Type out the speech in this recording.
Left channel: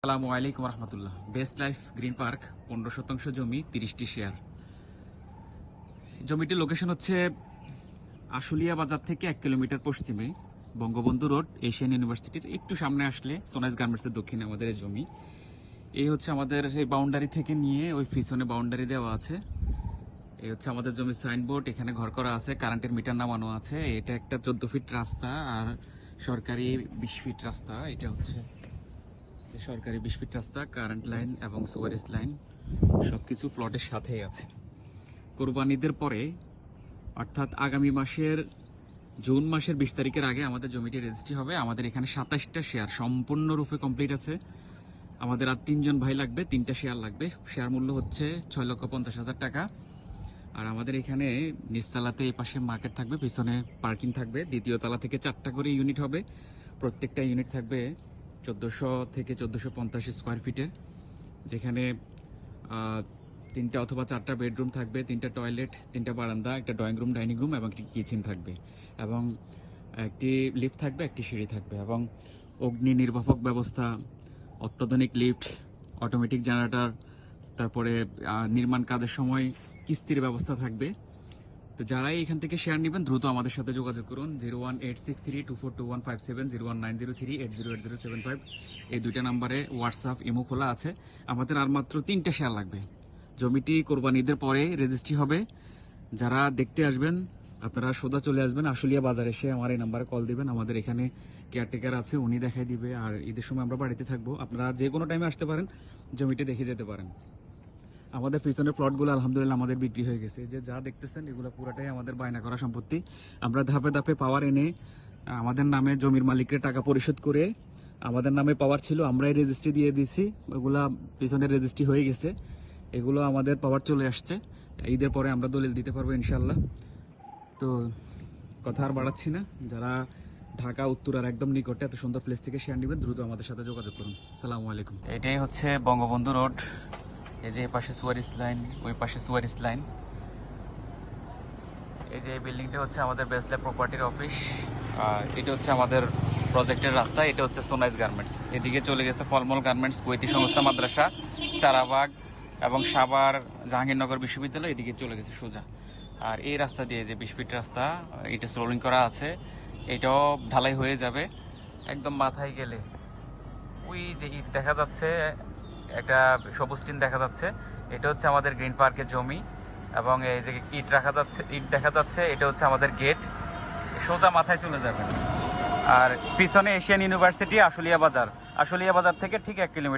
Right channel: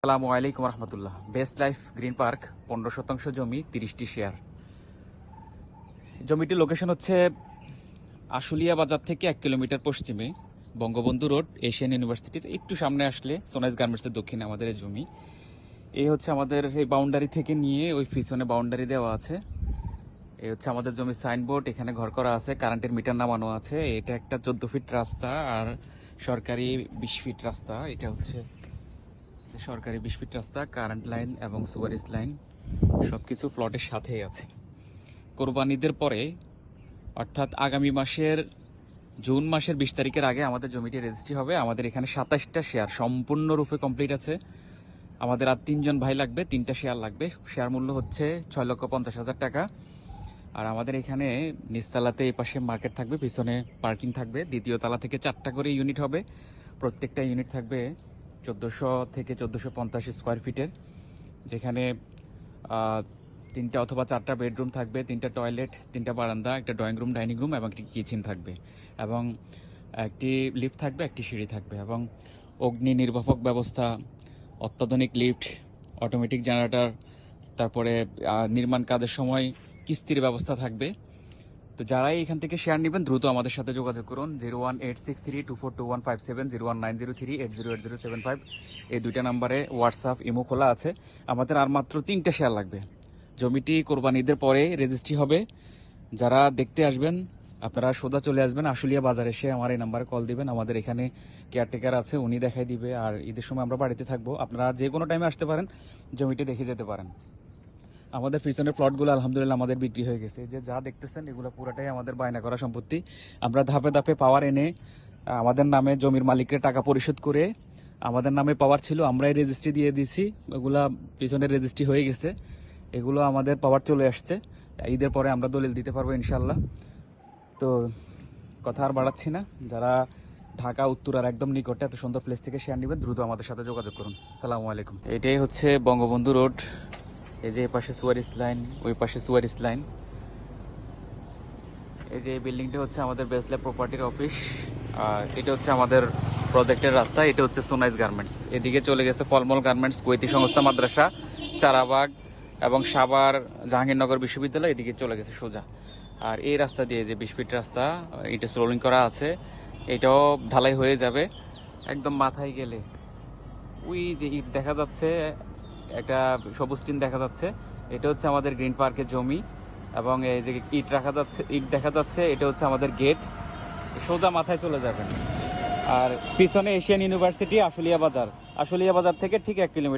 আসসালামু আলাইকুম রহমতুল্লাহ। Best life green park 15% জমি, 30টি শেয়ার। জমিটির লোকেশন হচ্ছে আশুলিয়া বাজার থেকে 1 কিলোমিটার পশ্চিমে, বঙ্গবন্ধু রোড, এশিয়ান ইউনিভার্সিটির একটু সামনে আসলে সোনাইজ গার্মেন্টসের দক্ষিণে আমাদের এই জমি। এই হচ্ছে আমাদের এই বাউন্ডারি থেকে নিয়ে ওই পিছনে বাউন্ডারি দেওয়া আছে। এই হচ্ছে আমাদের জমির সাইনবোর্ড, এখানে ঘর করা আছে, কারেন্টের মিটার নামানো আছে। এটা একটা 14 ফিট রাস্তা আর সরকারি 20 ফিট রাস্তা। এটা হচ্ছে সরকারি 20 ফিট রাস্তা, কারেন্ট লাইন এবং সুয়ারেজ লাইন সবকিছু প্লটের সাথেই আছে। কোরবানিদের পরে অর্থাৎ আগামী মাসের জুন মাসের 20 তারিখের আগে আমাদের জমিটি রেজিস্ট্রি হবে। আমাদের এখানে 27টা শেয়ার সম্পূর্ণরূপে কমপ্লিট আছে। আমাদের আর 3 জন ভাই লাগবে, 3টা শেয়ার লাগবে। শেয়ার মূল্য হচ্ছে 6,50,000 টাকা। আর আমাদের এখানে নিচতলাতে এই পাশে মার্কেট থাকবে, পিছনে পার্কিং থাকবে। দ্বিতীয় তলা থেকে 4টা করে ইউনিট হবে। প্রত্যেকটা ইউনিট থাকবে 1400 থেকে 1450 স্কোয়ার ফিটের, যেখানে 3টা অথবা 4টা বেডরুম থাকবে, 3টা টয়লেট, 3টা বারান্দা, একটা ড্রয়িং রুম, ডাইনিং রুম এবং একটি কিচেন থাকবে, এবং একটি লিফট থাকবে, একটি সিঁড়ি থাকবে, এবং অগ্নি নির্বাপক ব্যবস্থা, অত্যাধুনিক লিফট, অটোমেটিক জেনারেটর, তারপরে নির্মাণ কাজের সময় কিস্তির ব্যবস্থা থাকবে। তো যারাই এখান থেকে শেয়ার নেবেন দ্রুত আমাদের সাথে যোগাযোগ করুন। 01863242157, 01903808075, এই দুইটা নাম্বারে হোয়াটসঅ্যাপ ইমো খোলা আছে। আমাদের আর মাত্র 3টা শেয়ার লাগবে। জমিটি কোরবানিদের পরে রেজিস্ট্রি হবে। যারা দেখতে আসবেন আপনারা সোজা চলে আসবেন আশুলিয়া বাজারে, এসে আমার এই নাম্বারে কল দিবেন। আমাদের এখানে কেয়ারটেকার আছে, উনি দেখাই দিবে। আর ঈদের সময় আমরা বাড়িতে থাকবো, আপনারা যে কোনো টাইমে আসতে পারেন, জমিটি দেখে যেতে পারেন। আমাদের পিছনের প্লটগুলো আলহামদুলিল্লাহ আমাদের বিক্রি হয়ে গেছে। যে যা দেখতেছেন এগুলো পুরোটাই আমাদের বায়না করা সম্পত্তি। আমরা ধাপে ধাপে পাওয়ার এনে আমাদের নামে জমির মালিকের টাকা পরিশোধ করে, আমাদের নামে পাওয়ার ছিল আমরাই রেজিস্ট্রি দিয়ে দিছি। ওগুলা পিছনের রেজিস্ট্রি হয়ে গেছে, এগুলো আমাদের পাওয়ার চলে আসছে। ঈদের পরে আমরা দলিল দিতে পারবো ইনশাল্লাহ। তো কথা আর বাড়াচ্ছি না। যারা ঢাকা উত্তরার একদম নিকটে এত সুন্দর প্লেস থেকে শেয়ার নেবেন দ্রুত আমাদের সাথে যোগাযোগ করুন। সালামু আলাইকুম। এটাই হচ্ছে বঙ্গবন্ধু রোড। এই যে এই পাশে সুয়ারেজ লাইন, ওই পাশে সুয়ারেজ লাইন। এই যে এই বিল্ডিংটা হচ্ছে আমাদের বেস্ট লাইফ প্রপার্টির অফিস। এটা হচ্ছে আমাদের প্রজেক্টের রাস্তা। এটা হচ্ছে সোনাইজ গার্মেন্টস। এদিকে চলে গেছে ফলমল গার্মেন্টস, কৈতি সংস্থা মাদ্রাসা, চারাবাগ এবং সাভার জাহাঙ্গীরনগর বিশ্ববিদ্যালয়, এদিকে চলে গেছে সোজা। আর এই রাস্তা দিয়ে যে 20 ফিট রাস্তা, এটা স্লোভিং করা আছে, এটাও ঢালাই হয়ে যাবে। একদম মাথায় গেলে ওই যে ইট দেখা যাচ্ছে, একটা সবুজ টিন দেখা যাচ্ছে, এটা হচ্ছে আমাদের গ্রিন পার্কের জমি। এবং এই যে ইট দেখা যাচ্ছে, এটা হচ্ছে আমাদের গেট। সোজা মাথায় চলে যাবে। আর পিছনে এশিয়ান ইউনিভার্সিটি, আশুলিয়া বাজার থেকে ঠিক 1 কিলোমিটার।